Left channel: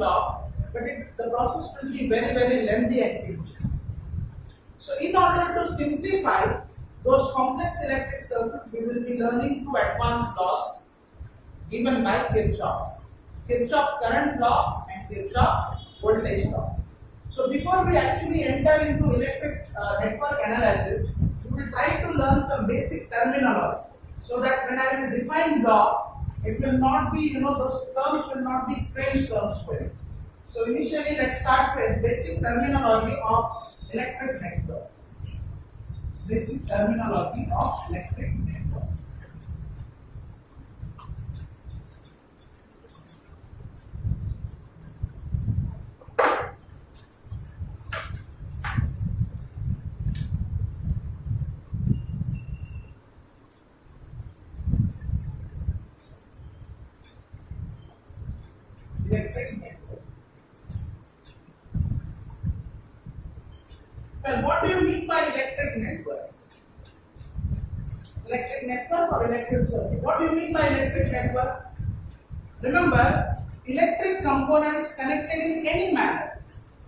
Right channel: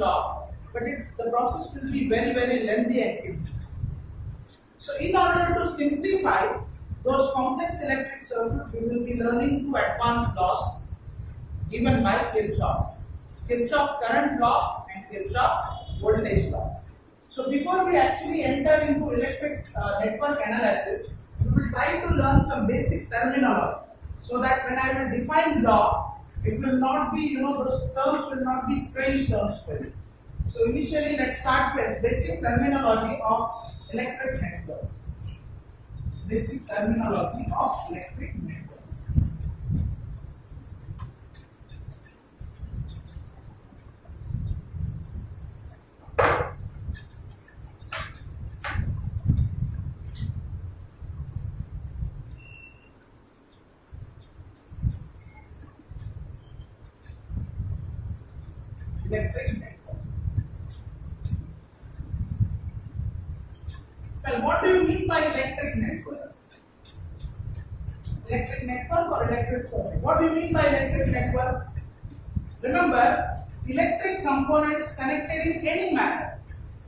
law, but the process will be very, very lengthy activity. So in order to simplify those complex electric circuits, we will be learning two advanced laws given by Kirchhoff. Kirchhoff current law and Kirchhoff voltage law. So before we actually enter into electric network analysis, we will try to learn some basic terminology so that when I will define law, it will not be, those terms will not be strange terms for you. So initially, let's start with basic terminology of electric network. Basic terminology of electric network. Electric network. Well, what do you mean by electric network? Electric network or electric circuit? What do you mean by electric network? Remember, electric components connected in any manner.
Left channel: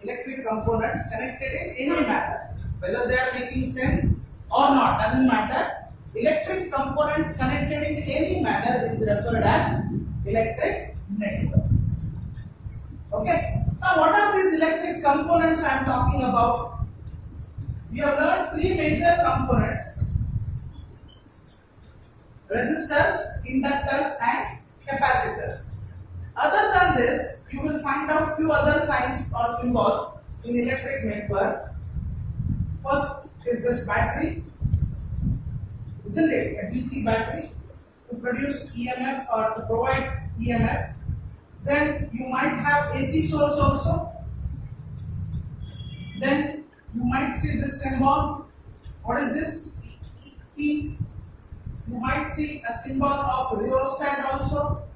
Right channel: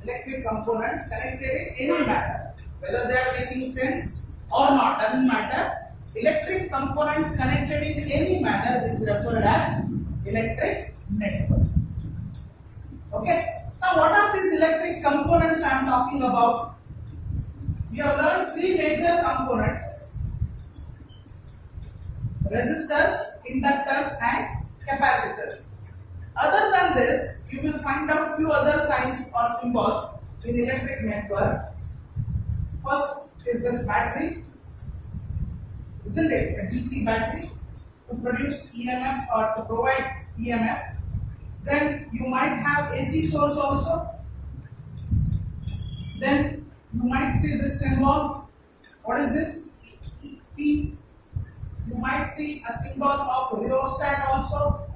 Electric components connected in any manner. Whether they are making sense or not, doesn't matter. Electric components connected in any manner is referred as electric network. Okay. Now, what are these electric components I am talking about? We have learned three major components: resistors, inductors, and capacitors. Other than this, you will find out few other signs or symbols in electric network. First is this battery, isn't it? A DC battery to produce EMF or to provide EMF. Then you might have AC source also. Then you might see this symbol. What is this? E. You might see a symbol of rheostat also.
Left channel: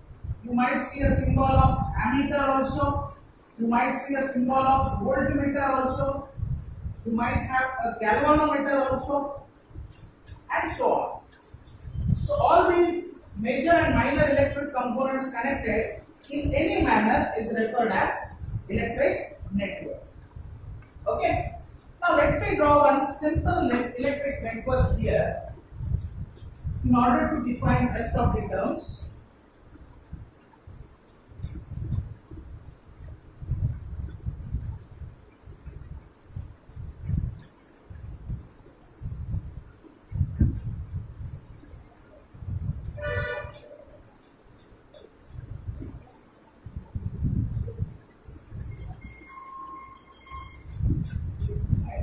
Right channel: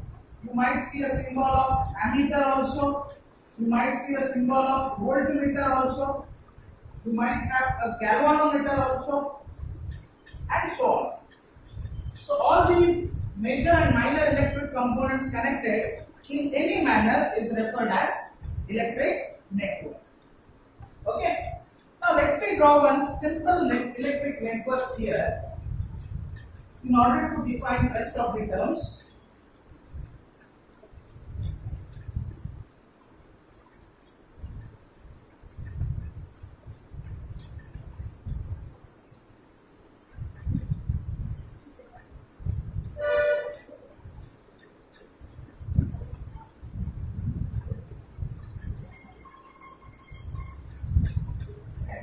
You might see a symbol of ammeter also. You might see a symbol of voltmeter also. You might have a galvanometer also, and so on. So all these major and minor electric components connected in any manner is referred as electric network. Okay. Now let me draw one simple electric network here in order to define rest of the terms.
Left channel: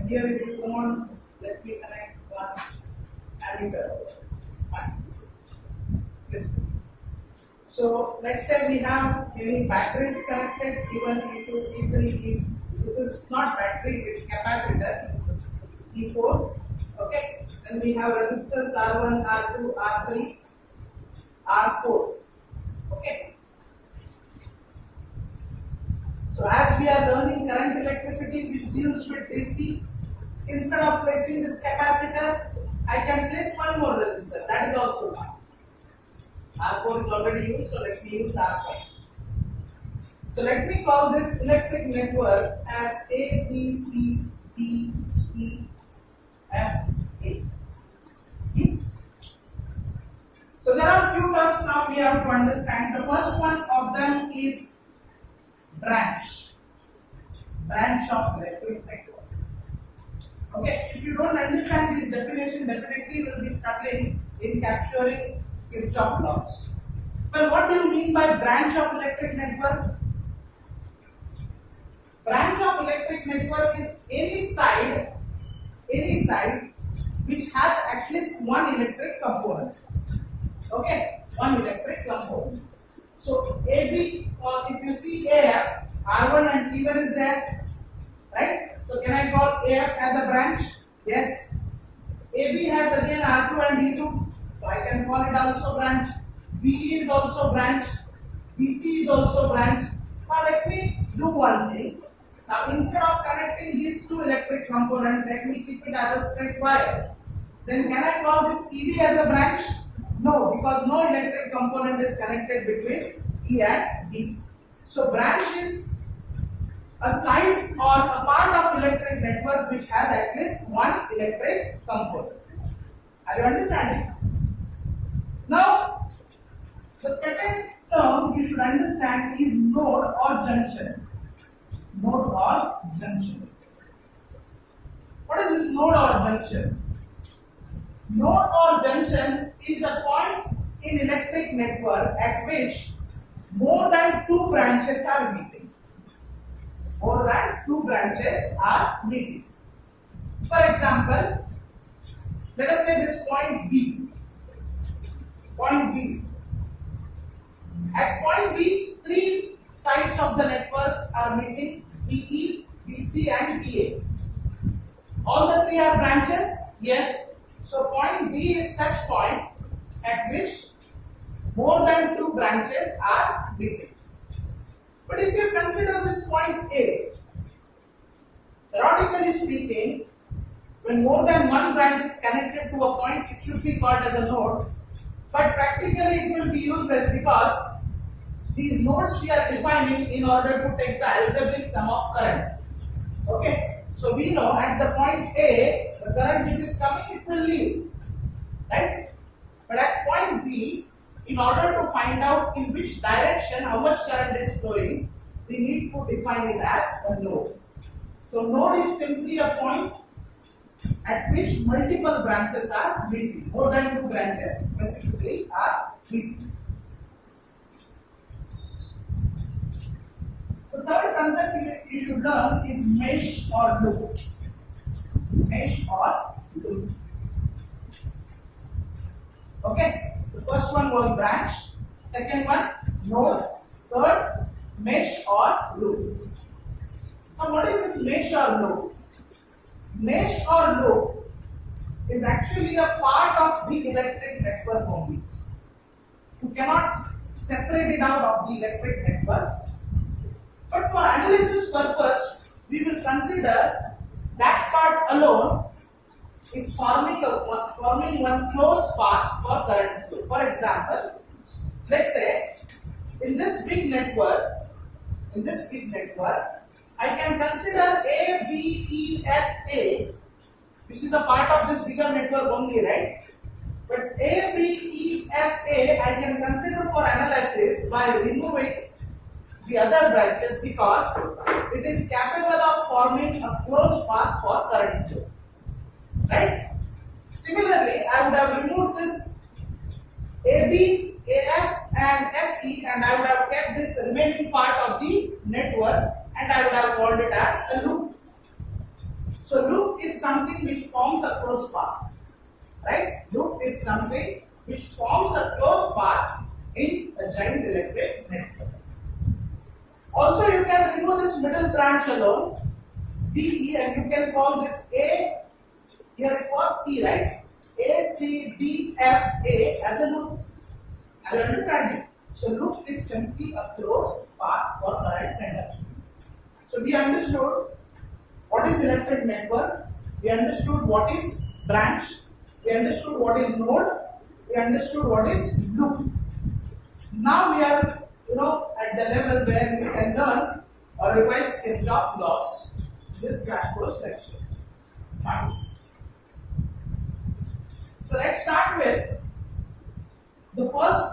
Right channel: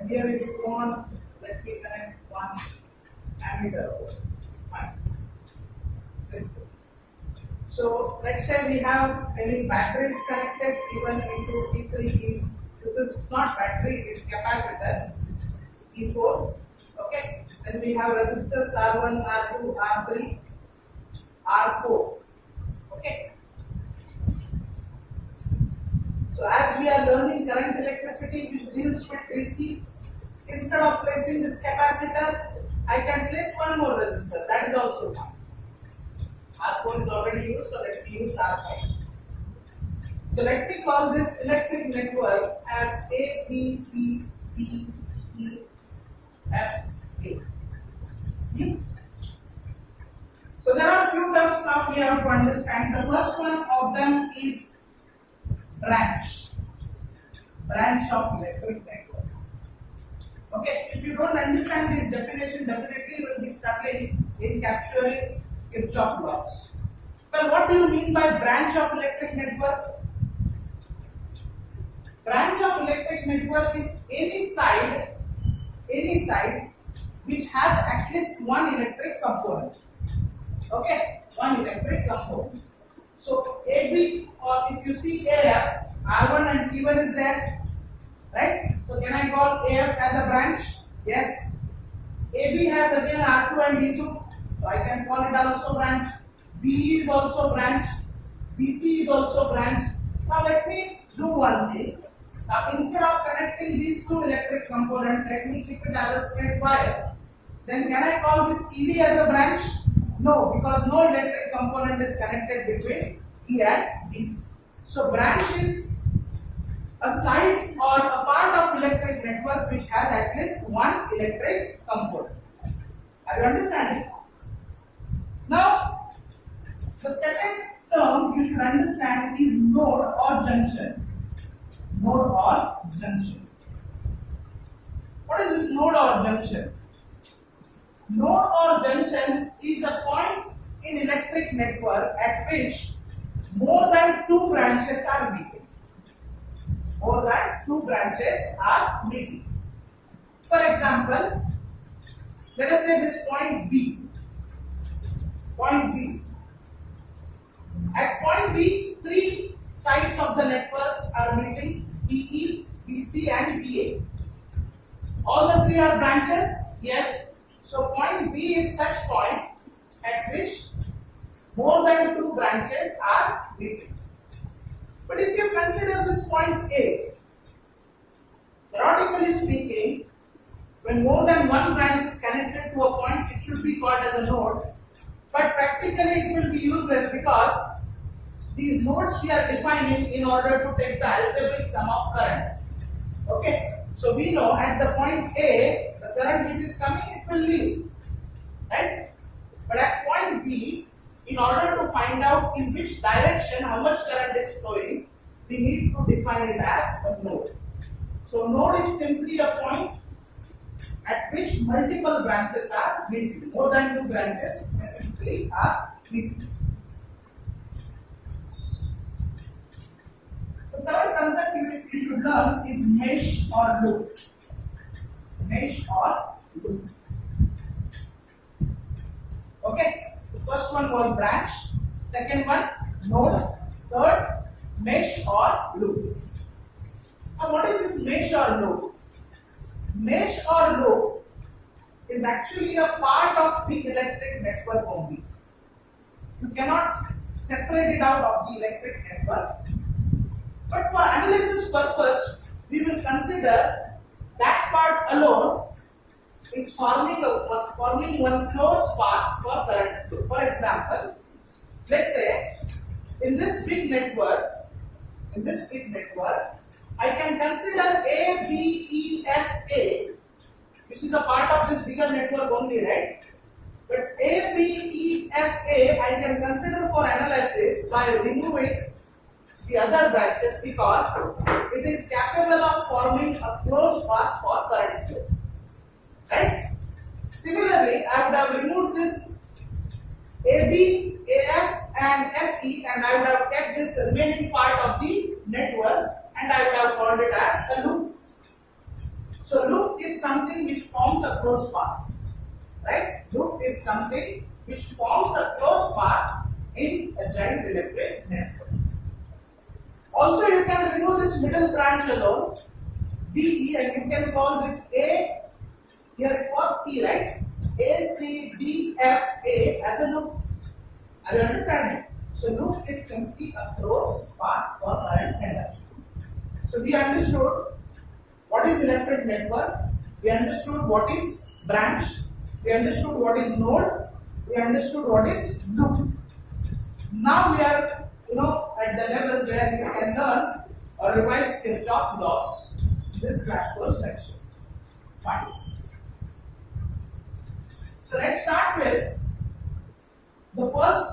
Here if you want, let me connect one ammeter. Fine. Simple. So let's say we have many batteries connected given into E3. This is not battery, it's capacitor. E4. Okay. Then we have resistors R1, R2, R3, R4. Okay. So as we are learning current electricity which deals with DC, instead of placing this capacitor, I can place one more resistor. That is also fine. R4 is already used, so let me use R5. So let me call this electric network as A, B, C, D, E, F, A. So there are a few terms now we have to understand. The first one of them is branch of electric network. Okay, if you don't understand this definition, definitely you will be struggling in capturing Kirchhoff laws. Well, what do you mean by branch of electric network? Branch of electric network is any side which has at least one electric component. Okay, one electric component. So AB, or if you see AF, R1 and T1 is there, right? So can I call AF as a branch? Yes. AB has again R2 and D2, so I can call it also branch. BE is also branch. BC is also branch. Now let me do one thing. Now instead of connecting these two electric components, let me keep it as a straight wire. Then can I call this ED as a branch? No, because no electric component is connected between E and D. So branch is a side or a part of electric network which has at least one electric component. Are you understanding? Now, the second term you should understand is node or junction. Node or junction. What is this node or junction? Node or junction is a point in electric network at which more than two branches are meeting. More than two branches are meeting. For example, let us say this point B. Point B. At point B, three sides of the networks are meeting: BE, BC, and BA. All the three are branches? Yes. So point B is such point at which more than two branches are meeting. But if you consider this point A, theoretically speaking, when more than one branch is connected to a point, it should be called as a node. But practically it will be useless because these nodes we are defining in order to take the algebraic sum of current. Okay. So we know at the point A, the current which is coming, it will leave. Right? But at point B, in order to find out in which direction how much current is flowing, we need to define it as a node. So node is simply a point at which multiple branches are meeting. More than two branches specifically are meeting. The third concept you should learn is mesh or loop. Mesh or loop. Okay. The first one was branch. Second one node. Third mesh or loop. Now what is this mesh or loop? Mesh or loop is actually a part of the electric network only. You cannot separate it out of the electric network. But for analysis purpose, we will consider that part alone is forming one closed path for current flow. For example, let's say in this big network, I can consider A, B, E, F, A, which is a part of this bigger network only, right? But A, B, E, F, A, I can consider for analysis by removing the other branches because it is capable of forming a closed path for current flow. Right? Similarly, I would have removed this AB, AF and FE and I would have kept this remaining part of the network and I would have called it as a loop. So loop is something which forms a closed path. Right? Loop is something which forms a closed path in a giant electric network. Also, you can remove this middle branch alone, BE, and you can call this A, here it was C, right? A, C, D, F, A as a loop. Are you understanding? So, loop is simply a closed path for current conduction. So, we understood what is electric network, we understood what is branch, we understood what is node, we understood what is loop. Now, we are at the level where you can learn or revise Kirchhoff's laws. This crash course lecture. Fine. So let's start with the first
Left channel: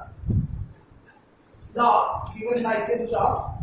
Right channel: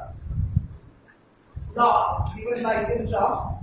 law given by Kirchhoff.